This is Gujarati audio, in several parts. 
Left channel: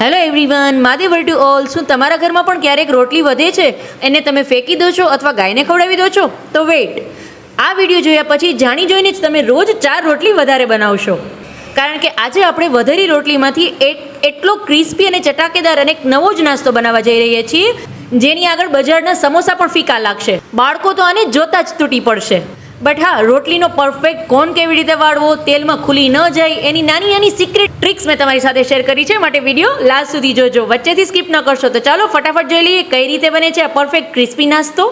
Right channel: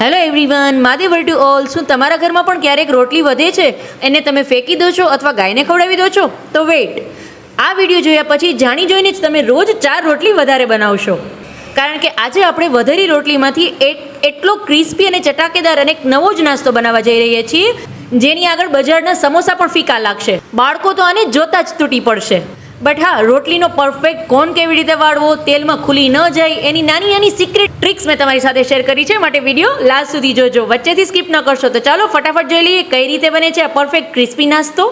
હેલો એવરીવન, માદેવર ટુ ઓલ. શું તમારા ઘરમાં પણ ક્યારેક રોટલી વધે છે એને તમે ફેંકી દો છો અથવા ગાયને ખવડાવી દો છો? તો વેઇટ, આ વિડીયો જોયા પછી જાણી જોઈને જ તમે રોજ 4 રોટલી વધારે બનાવશો. કારણ કે આજે આપણે વધેલી રોટલીમાંથી એટલો ક્રિસ્પી અને ચટાકેદાર અને એક નવો જ નાસ્તો બનાવવા જઈ રહ્યા છીએ, જેની આગળ બજારના સમોસા પણ ફીકા લાગશે. બાળકો તો આને જોતા જ તૂટી પડશે. બટ હા, રોટલીનો પરફેક્ટ કોણ કેવી રીતે વાળવો, તેલમાં ખુલી ન જાય, એની નાની નાની સિક્રેટ ટ્રિક્સ મેં તમારી સાથે શેર કરી છે. માટે વિડીયો લાસ્ટ સુધી જોજો, વચ્ચેથી સ્કીપ ન કરશો. તો ચાલો ફટાફટ જોઈ લઈએ કઈ રીતે બને છે આ પરફેક્ટ ક્રિસ્પી નાસ્તો.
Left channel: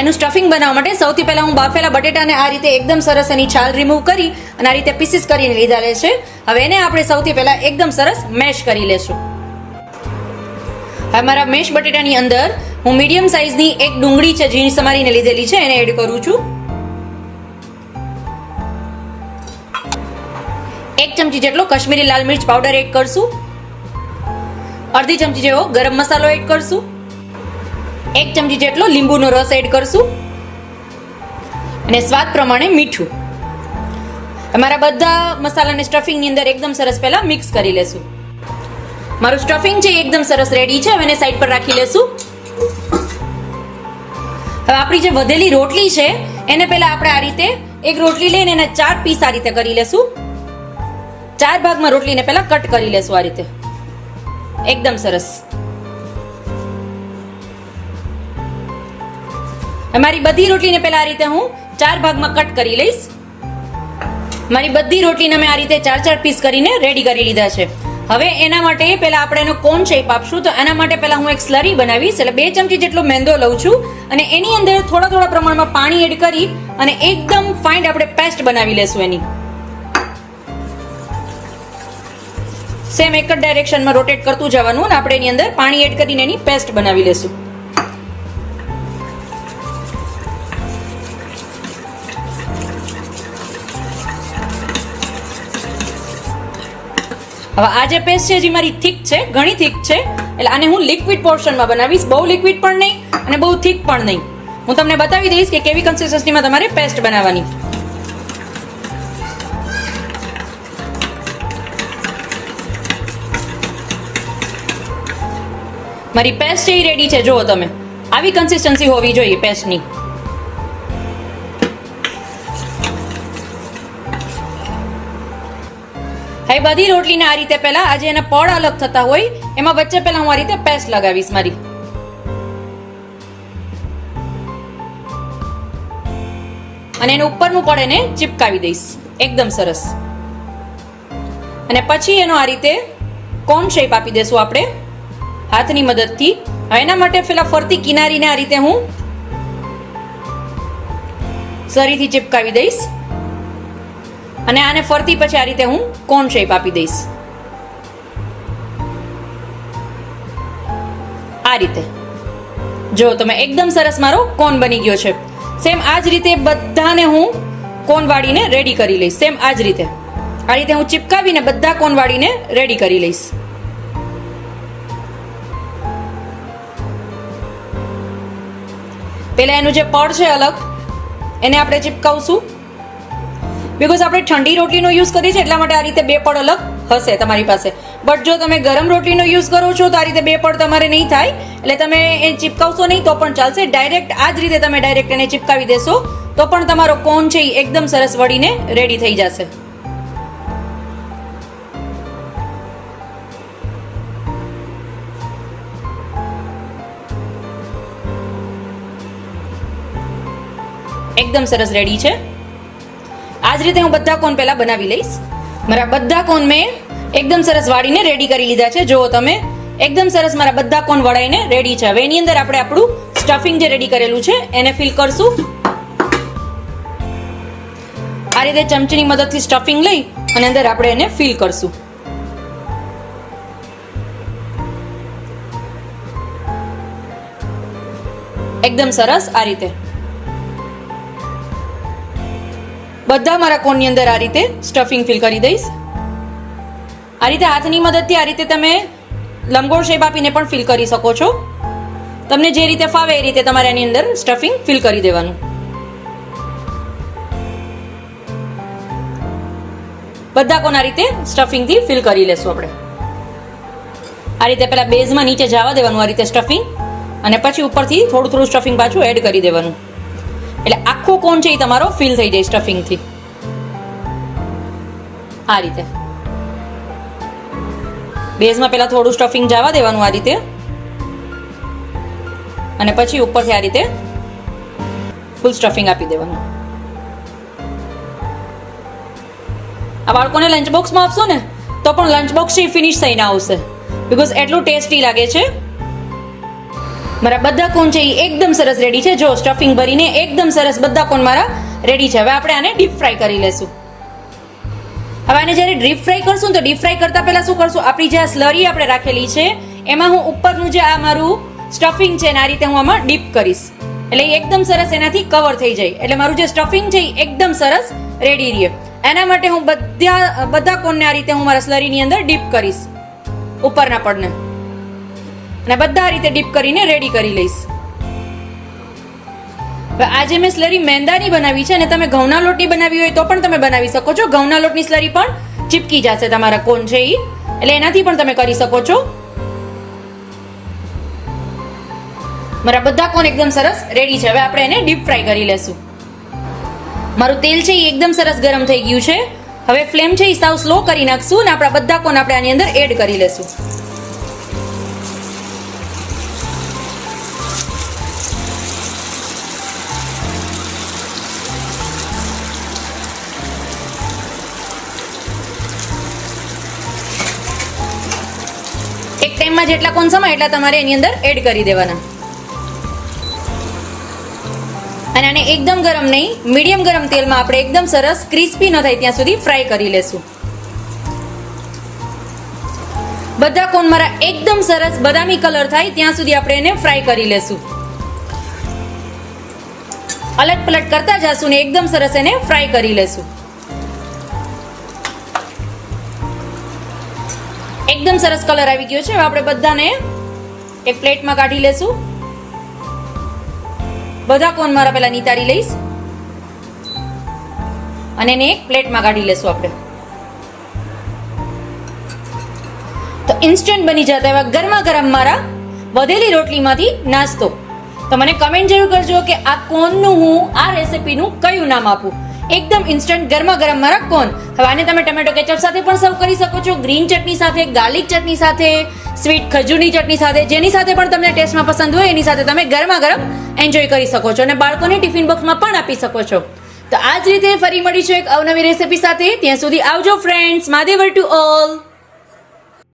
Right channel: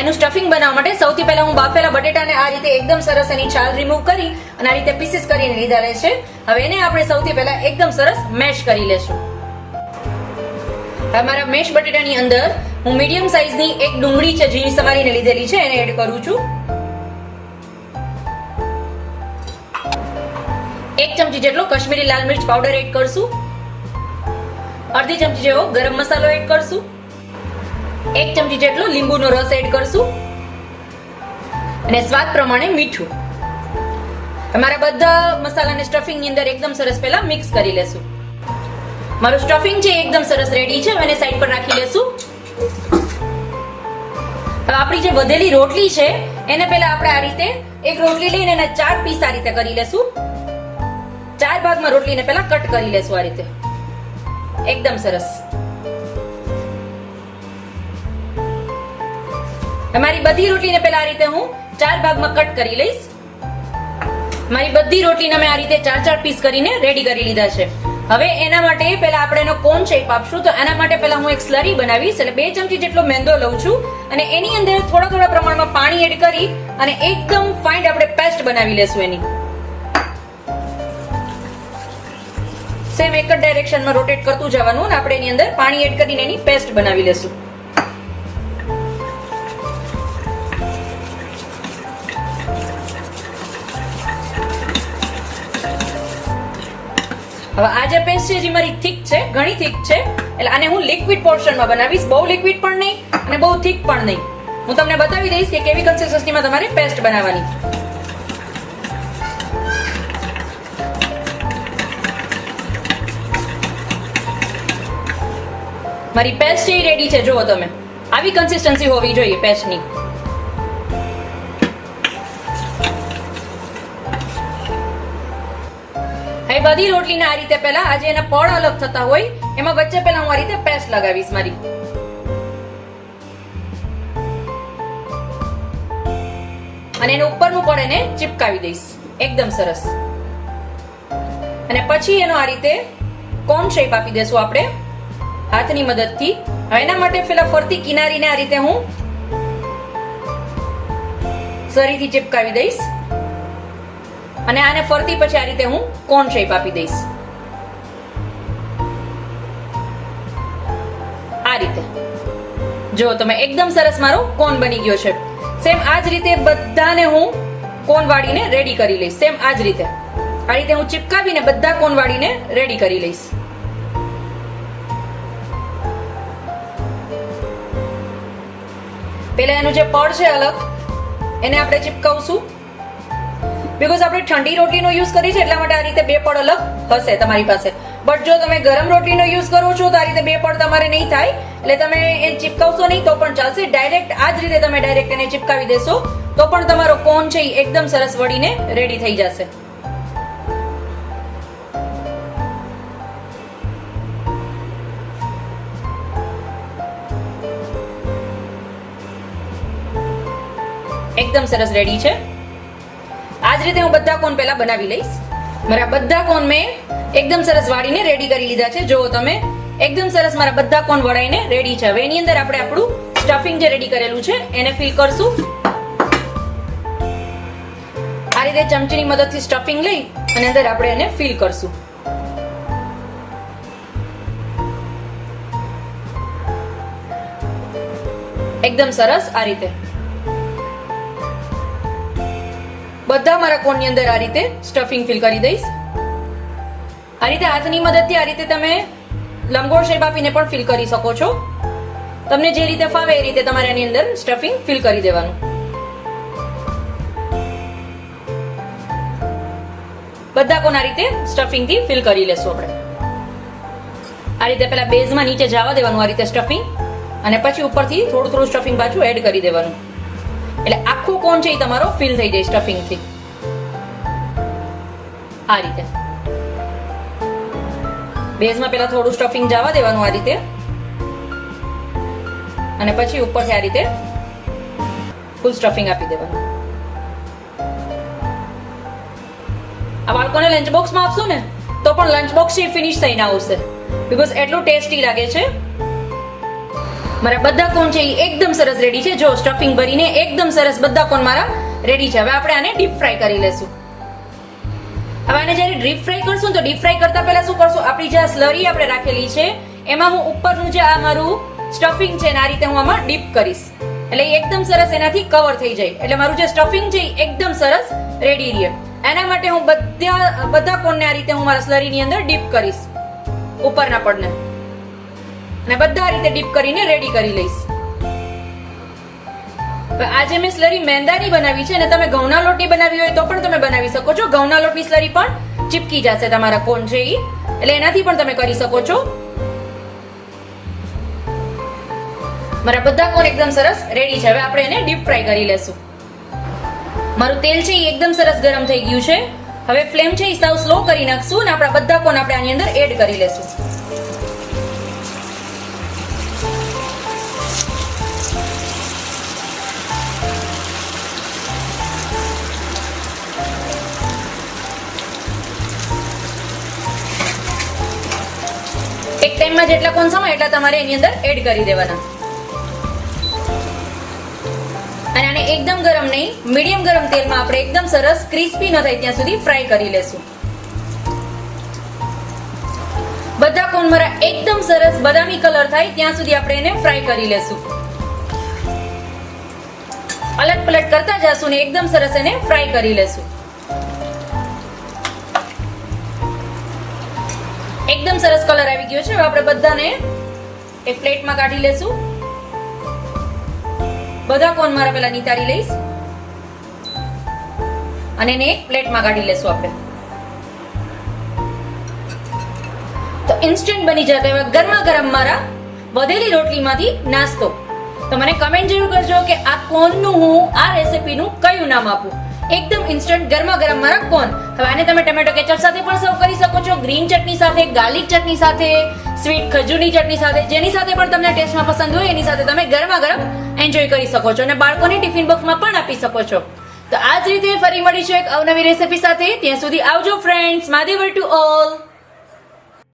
એનું સ્ટફિંગ બનાવવા માટે સૌથી પહેલા હું બાફેલા બટેટાને આ રીતે એકદમ સરસ એની છાલ રિમૂવ કરી અને આ રીતે પીસીસ કરીને લીધા છે. હવે એને આપણે સૌથી પહેલા એકદમ સરસ મેશ કરી લેશું. હવે મારા મેશ બટેટાની અંદર હું મીડિયમ સાઈઝની એક ડુંગળી છે ઝીણી સમારીને લીધેલી છે, એને એડ કરું છું. 1 ચમચી જેટલો કાશ્મીરી લાલ મિર્ચ પાવડર એડ કરશું. અડધી ચમચી જેવો ગરમ મસાલો એડ કરશું. 1 ચમચી જેટલો લીંબુનો રસ એડ કરશું અને સ્વાદ પ્રમાણે મીઠું. મારા બધા મસાલાને સ્ટફિંગની અંદર એકદમ સરસ પહેલા મિક્સ કરી લેશું. મારું સ્ટફિંગ છે એકદમ સરસ રેડી છે. હવે એને સાઈડ પર રાખી લેશું. હવે આપણી જે વધેલી રોટલી છે એને પહેલા આપણે આ રીતે એક રોટલી લઈને એના 4 પીસ આ રીતે કરી લેશું. 4 ભાગમાં રોટલીને પહેલા કટ કરી લેશું આ રીતે એકદમ સરસ. મારી બધી રોટલીને પહેલા આ રીતે હું 4 ભાગમાં કટ કરી લઈશ. મારી બધી રોટલીને મેં આ રીતે 4 પીસ કરીને રેડી કરી લીધા છે. હવે એના માટે પહેલા આપણે એનો કોન શેપ આપશું. તો એના માટે પહેલા હું એક સ્લરી બનાવીશ. એટલે 2 ચમચી જેટલો મેંદો લઉં છું અને એની અંદર થોડા પ્રમાણમાં પાણી એડ કરી અને એકદમ ફાઇન આપણે પેસ્ટ બનાવી લેશું. એની સેમ એક જ ડાયરેક્શનમાં રોટેટ કરતું જવાનું અને આપણે એની અંદર પાણી એડ કરીને એની પેસ્ટ બનાવી લેશું. હવે આ જે પેસ્ટ છે જે મારી થીક છે, ઘણી થીક છે, એટલે આને હું લિક્વિડ પોર્શનમાં બનાવીશ. બહુ લિક્વિડ પણ નહીં અને બહુ થીક પણ નહીં. હું તમને બતાવી દઈશ કે કેવી કન્સિસ્ટન્સીમાં તમારે પેસ્ટ બનાવવાની. મારી પેસ્ટ છે એ રેડી છે. જુઓ તમે, આવી કન્સિસ્ટન્સી હોવી જોઈએ પેસ્ટની. હવે બધી રોટલીને આ રીતે પહેલા આજે એના પડ અલગ થતા હોય એમાં વચ્ચે પહેલા હું આ રીતે પેસ્ટ લગાવીશ મારી. અને એનું ઉપરનું પડ એને ચિપકાવી દઈશ એકદમ સરસ. અને પછી એનો આ રીતે કોન શેપ આપી દેશું આપણે હાથની મદદથી. હવે એના માટે પેલા ફરતી કિનારીને આ રીતે હું સરીથી ચિપકાવી દઈશ અને આને ફરતી પછી આ રીતે હું કોન શેપ આપી દઈશ આ રીતે. જો તમે એકદમ સરસ મારો કોન બની ગયો છે. સેમ આ જ રીતે બધાને હું કોન વાળીને રેડી કરી લઈશ. સેમ આ જ રીતે આ રીતે હું ચિપકાવીને બધા કોન વાળીને રેડી કરી લઈશ. પહેલા એનું જે પડ છે અલગ એને આપણે ચિપકાવશું. બીકોઝ આપણે ઠંડી રોટલીનો યુઝ કરીએ છીએ એટલા માટે આ રીતે 2 પડ અલગ હશે તમારી પાસે. બટ જો તમે ગરમ રોટલીનો યુઝ કરો છો તો આ રીતે 2 પડ તમારે નહીં થાય, એટલે તમે એ ચિપકાવશો નહીં તો પણ ચાલશે. ડાયરેક્ટ આ જ રીતે તમે ડાયરેક્ટ એને ચિપકાવી દેશો તો પણ તમારો કોન છે એ એકદમ સરસ વળીને રેડી થઈ જશે. એકદમ સરસ રેડી છે. આ જ રીતે હું બધા કોન પહેલા બનાવી લઈશ. મારા બધા કોન મેં એકદમ સરસ વાળીને રેડી કરી લીધા છે. જુઓ તમે, એકદમ સરસ મારા બધા કોન વળાઈને રેડી છે. હવે એની અંદર આપણે આપણું સ્ટફિંગ જે રેડી કરેલું છે એને ફિલ કરશું. આ રીતે ચમચીની મદદથી સ્ટફિંગ લઈ અને અંદર આપણે એને ફિલ કરશું. એકદમ સરસ આ રીતે. બધા મારા કોનની અંદર આ રીતે સ્ટફિંગ ફિલ કરી દઈશ. આ રીતે હાથની મદદથી આ રીતે તમે લંબગોળ શેપ આપીને પણ ફિલ કરી શકો છો. તમને જે રીતે ફાવે એ રીતે તમારે આની અંદર સ્ટફિંગ ફિલ કરી દેવાનું. બધા કોણ આ રીતે સ્ટફિંગથી ફિલ કરી લેશું આપણે. આ રીતે પહેલા બેઝમાં નીચે જવા દેવાનું આ રીતે સ્ટફિંગ, અને પછી ઉપરથી થોડું થોડું સ્ટફિંગ પાછું એડ કરી દેવાનું. એટલે આખો કોન છે એ તમારો ફિલ થઈ જાય સ્ટફિંગથી. આ રીતે બેઝમાં પહેલા થોડું સ્ટફિંગ જવા દેવાનું આ રીતે, અને પછી ઉપરથી આ રીતે ફૂલ સ્ટફિંગ આપી દેવાનું. આ બાળકોને લંચ બોક્સમાં આપશો ને તો પણ લંચ બોક્સ ફિનિશ થઈને આવશે, બીકોઝ એટલું ટેસ્ટી લાગે છે. મારા બધા કોન છે એ એકદમ સરસ રેડી છે. જો સ્ટફિંગ ભરીને એકદમ સરસ બધા કોન મારા રેડી છે. હવે આપણે આને ડીપ ફ્રાય કરી લેશું. હવે આને જ્યારે ડીપ ફ્રાય કરશું તો ડીપ ફ્રાય કરતા પહેલા શું કરશું, આપણી જે સ્લરી આપણે રાખેલી છે એમાં હું ઉપરનું જે આ મારું સ્ટફિંગ છે ને આ રીતે હું આમાં ડીપ કરીશ, એટલે એકદમ સરસ એનાથી કવર થઈ જાય. એટલે મારું જે સ્ટફિંગ છે એ એકદમ સરસ રેડી રહે. એના માટે હું બધા કોનને આ રીતે હું મારા સ્લરીની અંદર ડીપ કરીશ ઉપરના પડને, અને બધા આ રીતે ડીપ કરીને રેડી કરી લઈશ. આજે મેં સ્લરી મેંદાની બનાવી છે, અને તમે ઘઉંના લોટની બનાવી હોય તો પણ તમે બનાવી શકો છો. ઘઉંના લોટની સ્લરી પણ ચીપકી જશે તમારા કોન છે એ, એટલે એનાથી પણ તમે કરી શકો છો. મારા બધા કોન એકદમ સરસ રેડી છે. હવે આપણે એને ડીપ ફ્રાય કરી લેશું. મારું તેલ છે એ એકદમ સરસ ગરમ થઈ ગયું છે. હવે ફ્લેમ છે એ સાવ સ્લો કરી નાખશું, અને આપણા બધા કોન આપણે આની અંદર એડ કરી લેશું. એક ટાઈમમાં જેટલા કોન સમાય એટલા તમારે એની અંદર એડ કરી દેવાના. અને આને એકદમ ગરમ નહીં, મીડિયમ ગરમ તેલમાં આપણે એકદમ સરસ ક્રિસ્પી ન થાય ત્યાં સુધી ફ્રાય કરી લેશું. બધા કોન મારા એકદમ સરસ બદામી કલર થાય ત્યાં સુધી આપણે એને ફ્રાય કરી લેશું. અલટ પલટ કરતા જશું ને એકદમ સરસ એને ફ્રાય કરી લેશું. એકદમ સરસ કલર આવી ગયો છે. હવે આપણે બધાને એક પ્લેટમાં કાઢી લેશું. બધા કોન મારા પહેલા નિતારી લઈશ, અને એને એક પ્લેટમાં કાઢી લેશું આપણે. તો ઇન્સ્ટન્ટ બની જતા એવા ગરમા ગરમ મારા વધેલી રોટલીમાંથી નાસ્તો. તો મને કમેન્ટ જરૂર કરજો કે આ કોનનું હું આ રેસીપીનું કયું નામ આપું. એકદમ ઇન્સ્ટન્ટ ગરમા ગરમ મારા કોન. હવે આને તમે ટમેટો કેચઅપ સાથે પણ સર્વ કરી શકો છો, ગ્રીન ચટણી સાથે, ગાર્લિક ચટણી સાથે, સ્વીટ ખજૂરની ચટણી સાથે, જેની સાથે પણ તમને ટેસ્ટમાં પસંદ હોય એની સાથે તમે ગરમા ગરમ એન્જોય કરી શકો છો, અને બાળકોને ટિફિન બોક્સમાં પણ આપી શકો છો. તો આ જ રીતે ફરી મળીશું એક અવનવી રેસીપી સાથે. ત્યાં સુધી આવજો ફ્રેન્ડ્સ. માદેવર to all.